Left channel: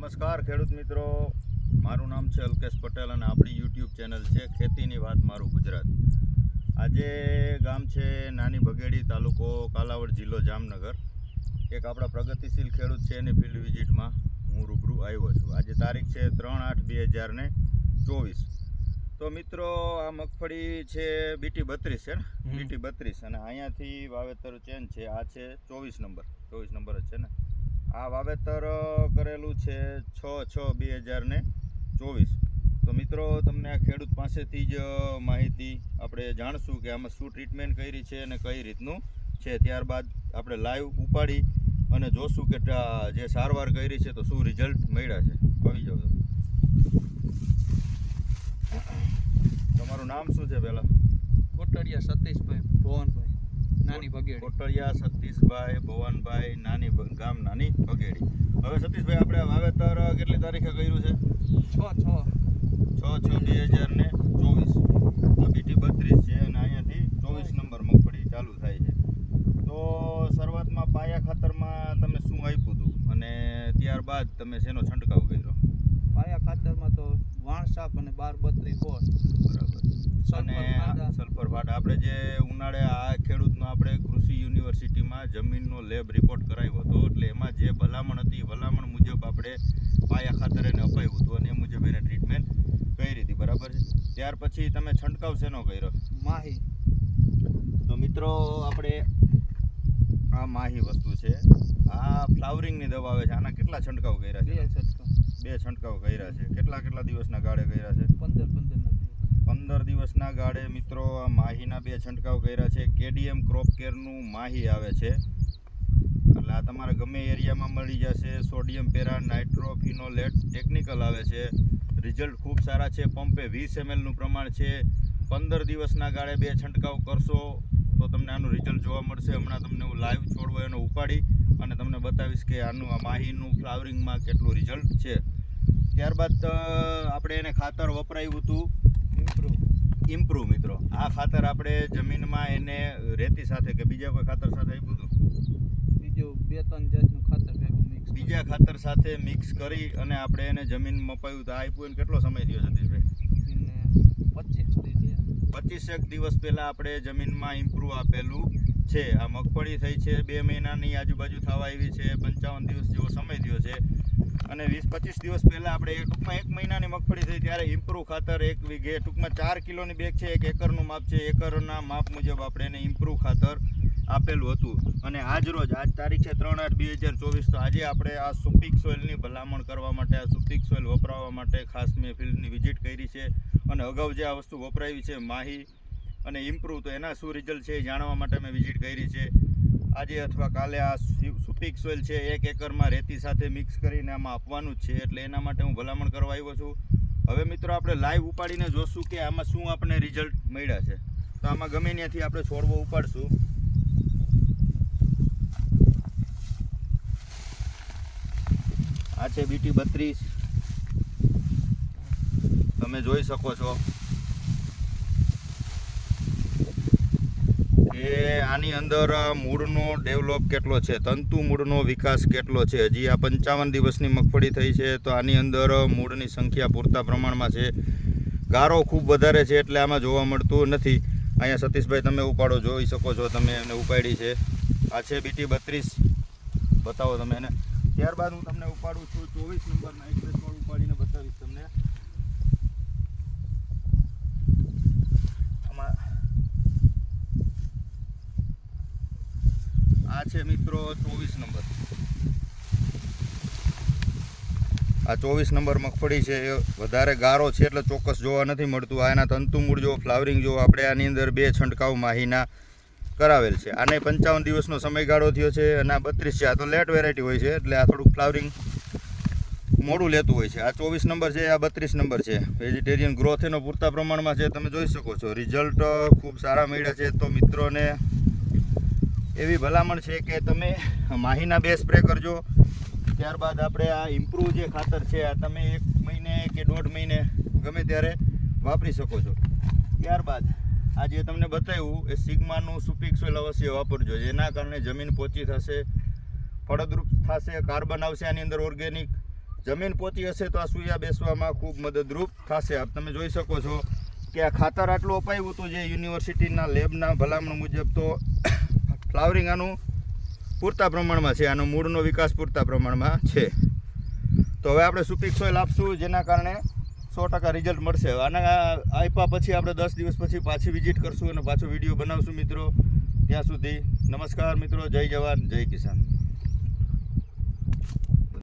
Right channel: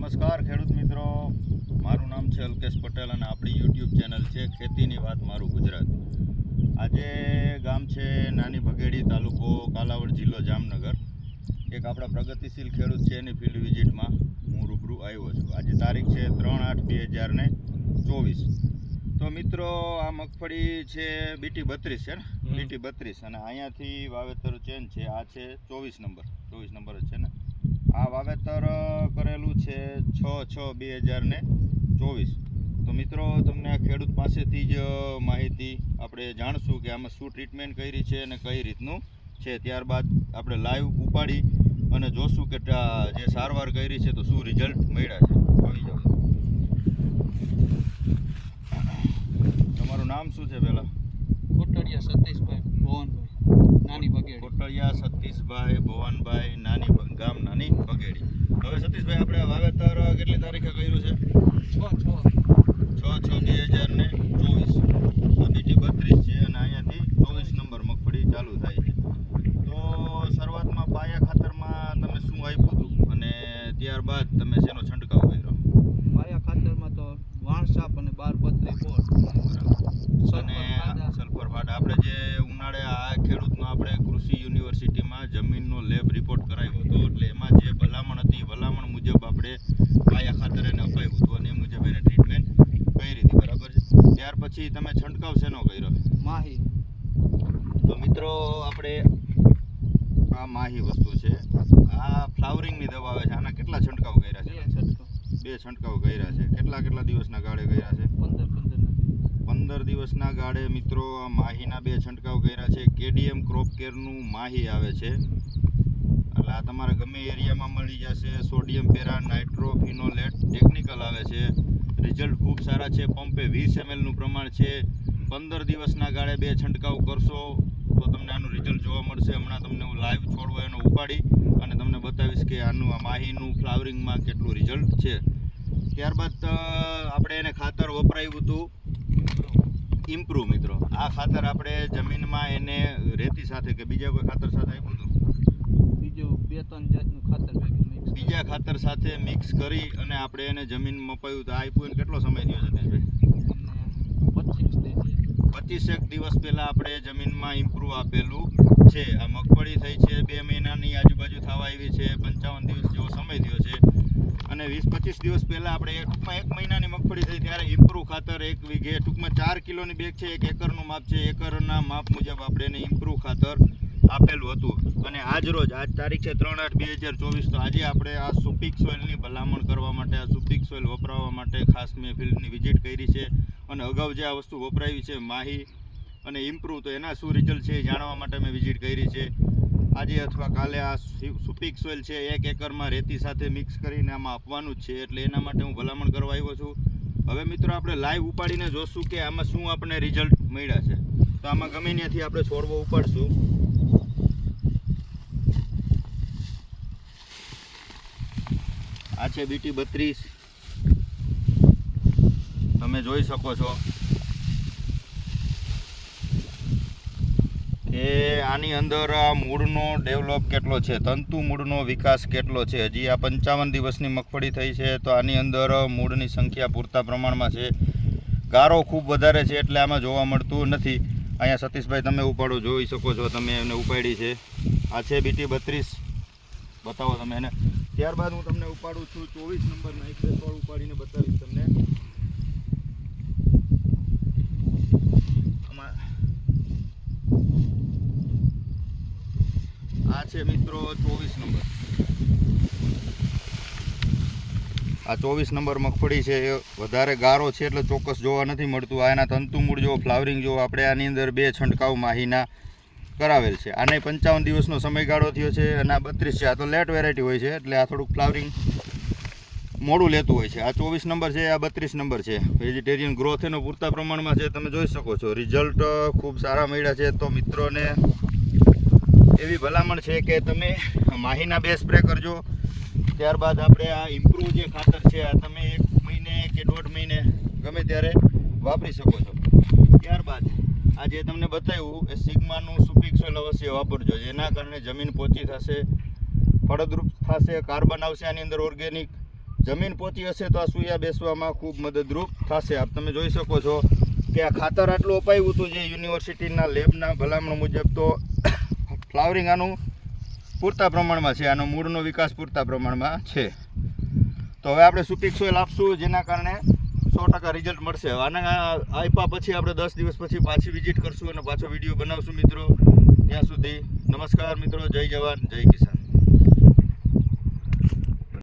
નમસ્કાર ખેડૂત મિત્રો, મારું નામ છે અલ્કેશ પટેલ અને આપણી યુટ્યુબ ચેનલ છે ખેતીની વાત મારું ગુજરાત. આજે ગામ છે નાની ભગેડી, તાલુકો કાલાવડ, જિલ્લો જામનગર. એક આપણા પ્રગતિશીલ ખેડૂત છે એની ફિલ્ડ વિઝિટમાં હું રૂબરૂ આવ્યો છું. આજે તારીખ છે 3/8/2024. તો મિત્રો આ મગફળી છે બીટી 32 છે ને, બીટી 32, અને અહીંયાથી વાવેતર ચેન્જ છે. આ છે 24 નંબર જ છે ને. આ વાવેતર કરેલું છે 6/6/2024. તો મિત્રો તમને આ ખેડૂત પાસેથી જ માહિતી આપણે જાણશું કે આમાં શું ટ્રીટમેન્ટ કરી છે અને કઈ રીતનું છે. ત્યારબાદ આપણે લાઈવ ઉપાડી અને જોશું કે જે સારવાર કરી છે તો શું રિઝલ્ટ મળ્યા છે. આવી જાવ. તમારું નામ શું છે પહેલાં? કોટડિયા સતીશભાઈ ભુવનભાઈ, નાની ભગેડી. કોટડિયા સતીશભાઈ ભુવનભાઈ, ગામ નાની ભગેડી. હવે સતીશભાઈ, આપણે વાવેતર કેટલી તારીખે કર્યું છે? 6/6/2024. આ બીટી 32 છે અને અહીંયાથી 24 નંબર મગફળી ચાલુ થાય છે. તો શરૂઆતમાં પાયા ખાતરમાં તમે શું આપ્યું હતું અને ત્યારબાદ તમે શેનો છંટકાવ કર્યો? પાયા ખાતરમાં તો વાણસાપ અને 12-32 અને સલ્ફર ફાટ. આપણે જે ઉનાળે આ ખેડૂતનો આપણે કૃષિ યુનિવર્સિટીમાં જમીનનો લેબ રિપોર્ટ કરાવ્યો હતો, એટલે એમાં જે ભલામણ હતી ભલામણ મુજબ આપણે પાયા ખાતર એને અપાયું હતું અને એ મુજબ એને ટ્રીટમેન્ટ કરી હતી. બરાબર છે. ત્યાર પછી તમે છંટકાવ શેનો કર્યો? માહી. તો મિત્રો આપણે આ માહી વસ્તુ છે, આ ફ્લાવરિંગની દવા આવે છે. આના કેટલા છંટકાવ કર્યા છે? 2 છંટકાવ કર્યા છે. કેટલા દિવસના ગાળે કર્યા છે? 15 દિવસના ગાળે મિત્રો આ માહીના 2 છંટકાવ કર્યા છે. કેડીએમ ક્રોપ કેરનું માહી આવે છે, એટલે આ તમારા ગમે એરિયામાં મળી જશે. સોડિયમ પેરા નાઇટ્રોફિનોલેટ ટેકનિકલ આવે છે. રિઝલ્ટ ખૂબ સારા છે. પંપે 20 ml નું પ્રમાણ છે. 15 દિવસના ગાળે 2 છંટકાવ કરશો તો તમને આનું રિઝલ્ટ જોવા મળશે. હમણાં તમને હું લાઈવ છોડવો એનો ઉપાડી અને તમને બતાવીશ કે આનું આ માહીનું ફ્લાવરિંગમાં કેટલું રિઝલ્ટ છે. ત્યારબાદ આપણે એને ખાતર વપરાયું હતું ઇમ્પ્રૂવ. મિત્રો આ ખાતર આપણે જમીનમાં એને રેતી સાથે કે બીજા કોઈ ખાતર સાથે આપ્યું હતું? બીજું 2-3 જાતનું ખાતર બીજા ખાતર સાથે મિક્સ કરી અને આપણે એને જમીનમાં અપાયું. તો આ આપ્યું કેટલો સમય થયો સતીશભાઈ? 25 દિવસ પહેલાં આપણે જમીનમાં ઇમ્પ્રૂવ આપેલું છે. આ મગફળી થઈ છે 2 મહિનાની આજુબાજુ થવા આવી છે. 55 દિવસ જેવો સમય થયો છે અને 20-25 દિવસ પહેલાં આપણે ટૂંકમાં 1 મહિનાની મગફળી થઈ ત્યારે ઇમ્પ્રૂવ ખાતર 1 વીઘે ટૂંકમાં 4 કિલોની બેગ છે. 1 એકરનું માપ છે. એકરના માપ મુજબ આપણે એને ઇમ્પ્રૂવ ખાતર આપેલું હતું. અને આજ તારીખ છે 3/8/2024. તો આજે આપણે આ સુપીક સોઇલની ભલામણ કરવા માટે, આ સુપીક સોઇલ વપરાવવા માટે ખાસ મેં ફિલ્ડની વિઝિટ કરી છે અને અગાઉ જે આ વસ્તુ વપરાવી છે માહી અને ઇમ્પ્રૂવ, તો એના શું રિઝલ્ટ છે એ જાણવા માટે મેં વિઝિટ કરી છે. આજે અથવા કાલે આ સુપીક સોઇલ છે 1 એકરમાં રેતી સાથે મિક્સ કરીને આમાં આપવાનું જ છે, એટલે એના માટે હું ભલામણ કરવા આવ્યો છું. હવે મિત્રો આપણે લાઈવ ઉપાડીને જોશું કે આમાં શું આપણે રિઝલ્ટ મળ્યા છે. તો આમાં ગમે ત્યાંથી આપણે છોડવો ઉપાડશું. આ છે બીટી 32, તમે જોઈ શકો છો કે આની અંદર મૂળનો ડેવલપ કેટલો છે, તંતુ મૂળનો વિકાસ કેટલો છે. હજી આ 55 દિવસની મગફળી થઈ છે તો આની અંદર મૂળની સંખ્યા પૂરતા પ્રમાણમાં છે. ગારો ખૂબ વધારે છે એટલે આમાં જોવા મળતું નથી. અહીંયા સતીશભાઈ તમે ઉપાડો, જોઈ શકો છો તમે, એને ઉપાડી છે. આ છે બીટી 32, બતાવો તમે એને. ત્યારબાદ હું તમને ઉપાડું છું 24 નંબરનો એક છોડ ઉપાડીને બતાવીશ તમને. આમાં આ છે મિત્રો 24 નંબર. આ 24 નંબર મગફળી છે. એ વધારે ગારો છે એટલે ચોક્કસ જોવા નથી મળતું. આ એના તંતુ મૂળ જો, ફ્લાવરિંગ જો, આપણે આની અંદર 2 છંટકાવ માહીના કરાવેલ છે. આને 55 દિવસનો સમયગાળો થયો છે અને આ 32 છે. આ તો લેટ વેરાયટી હોય છે એટલે આ થોડુંક ફ્લાવરિંગ મોડું લેતું હોય છે. આ 24 નંબર છે, આ 32 નંબર છે. વેજીટેરિયન ગ્રોથ એનો પૂરતા પ્રમાણમાં છે, તમે જોઈ શકો છો. રિઝલ્ટ ખૂબ સારા મળ્યા છે. તો મિત્રોને એવી ભલામણ છે કે તમે માહીના 2 સ્પ્રે કરજો. ત્યારબાદ આપણે આ ઇમ્પ્રૂવ જે ખાતર છે આ તમે 1 મહિને કે 1.5 મહિને ગમે ત્યારે વાપરી શકો છો. ત્યારબાદ આ જે તમને બતાવ્યું એ સિગ્માનું સુપીક સોઇલ અવશ્ય વાપરજો, જેના કારણે જમીન પોચી થશે, ફળદ્રુપ થશે, કાર્બન આવશે આની અંદર ઓર્ગેનિક, જમીન પોતી હશે તો આ સૂયા બેસવામાં ખૂબ મદદરૂપ થશે. આપ તમે જોઈ શકો છો કે આ ખાતર આટલું અપાયું હતું જે યુનિવર્સિટીના લેબના ભલામણ મુજબ, તો ફ્લાવરિંગ આનું પૂરતા પ્રમાણમાં છે, આનો મૂળનો વિકાસ પૂરતા પ્રમાણમાં છે. તો હવે આપણે સુપીક સોઇલ આપશું જેના કારણે 100% રિઝલ્ટ મળશે. આના આપ્યા પછી આપણે 10 દિવસ પછી પાછી વિઝિટ કરશું અને પાછો વિડીયો બનાવશું મિત્રો. ત્યાં સુધી નમસ્કાર મિત્રો, જય જવાન જય કિસાન.